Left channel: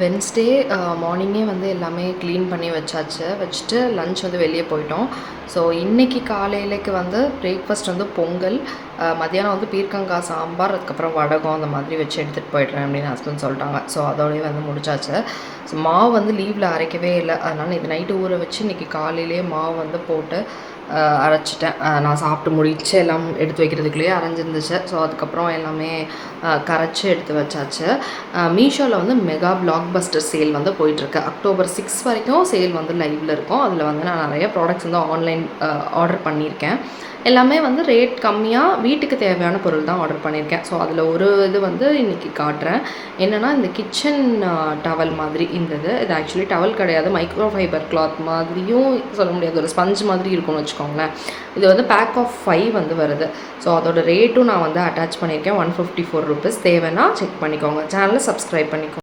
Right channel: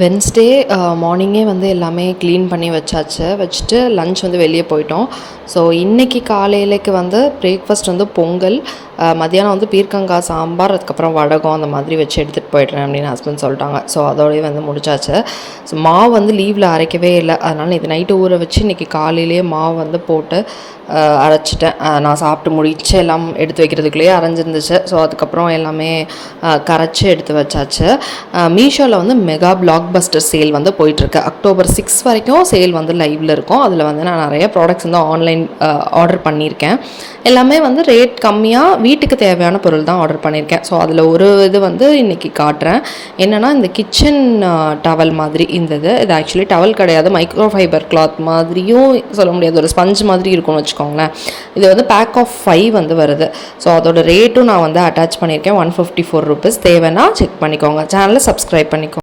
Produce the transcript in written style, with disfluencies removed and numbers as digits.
Wednesday மார்னிங்கே வந்து எல்லாமே க்ளீன் பண்ணி வச்சுட்டு லன்ச் வந்து வெளியே போயிட்டோம். ஸோ இன்றைக்கி காலையிலேக்கு வந்து பிரேக்ஃபாஸ்ட் வந்து பொங்கல், மத்தியானம் வந்து பீர்க்கங்காய் சாம்பார், அதுக்கப்புறம் வடகம் அந்த மாதிரி வச்சு எடுத்துகிட்டு போய்ட்றேன் அப்படின்னு ஹஸ்பண்ட் சொல்லிட்டாங்க. ஸோ அதோடய வந்து முடிச்சாச்சு. ஸோ மாவு வந்து லீவில் அரைக்கவே இல்லை, அதனால் இது நைட்டு ஊற வச்சு இன்றைக்கி காலையிலேயே மாவு வந்து போட்டு அரைச்சிட்டேன். நான் சாப்பிட்டு முடிச்சு எல்லாம் எடுத்து வைக்கிறதுக்குள்ளேயே அரைஞ்சிருந்துச்சு. ஸோ அதுக்கப்புறம் எல்லாமே கரைச்சி எடுத்து வச்சாச்சு. மீஷோவில் வந்து மெகா பிளாக் பஸ்டர் சேல் வந்து போயிட்டுருக்கு. அக்டோபர் 6 வரைக்கும் சேல் வந்து லைவில் இருக்கும். அதில் வந்து நான் நிறைய ப்ராடக்ட்ஸ் வந்து ஆன்லைன் ஆர்டர் பண்ணியிருக்கேன். எல்லாமே வந்து ரேட் கம்மியாக வீட்டுக்கு தேவையான பொருள் தான் ஆர்டர் பண்ணியிருக்கேன். ஸோ அதில் ஒரு இது வந்து இன்றைக்கி காட்டுறேன். என்னென்னா இந்த கிச்சன் டவல் மாதிரி இது ஆக்சுவலி டவல் கிடையாது, மைக்ரோ ஃபைபர் கிளாத் மாதிரியும் சொல்ல முடியாது, ஒரு ஸ்பஞ்ச் மாதிரி இருக்கும்னு வச்சுக்கோங்களேன். இது வந்து பேக் ஆஃப் 5 வந்து வருது. ஸோ அதோட ரேட்டும் நான் வந்து அட்டாச் பண்ணியிருக்கேன், 154 ருபீஸ். தேவைன்னா செக் பண்ணிக்கோங்க. சேனலை சப்ஸ்கிரைப் பண்ணிக்கோங்க.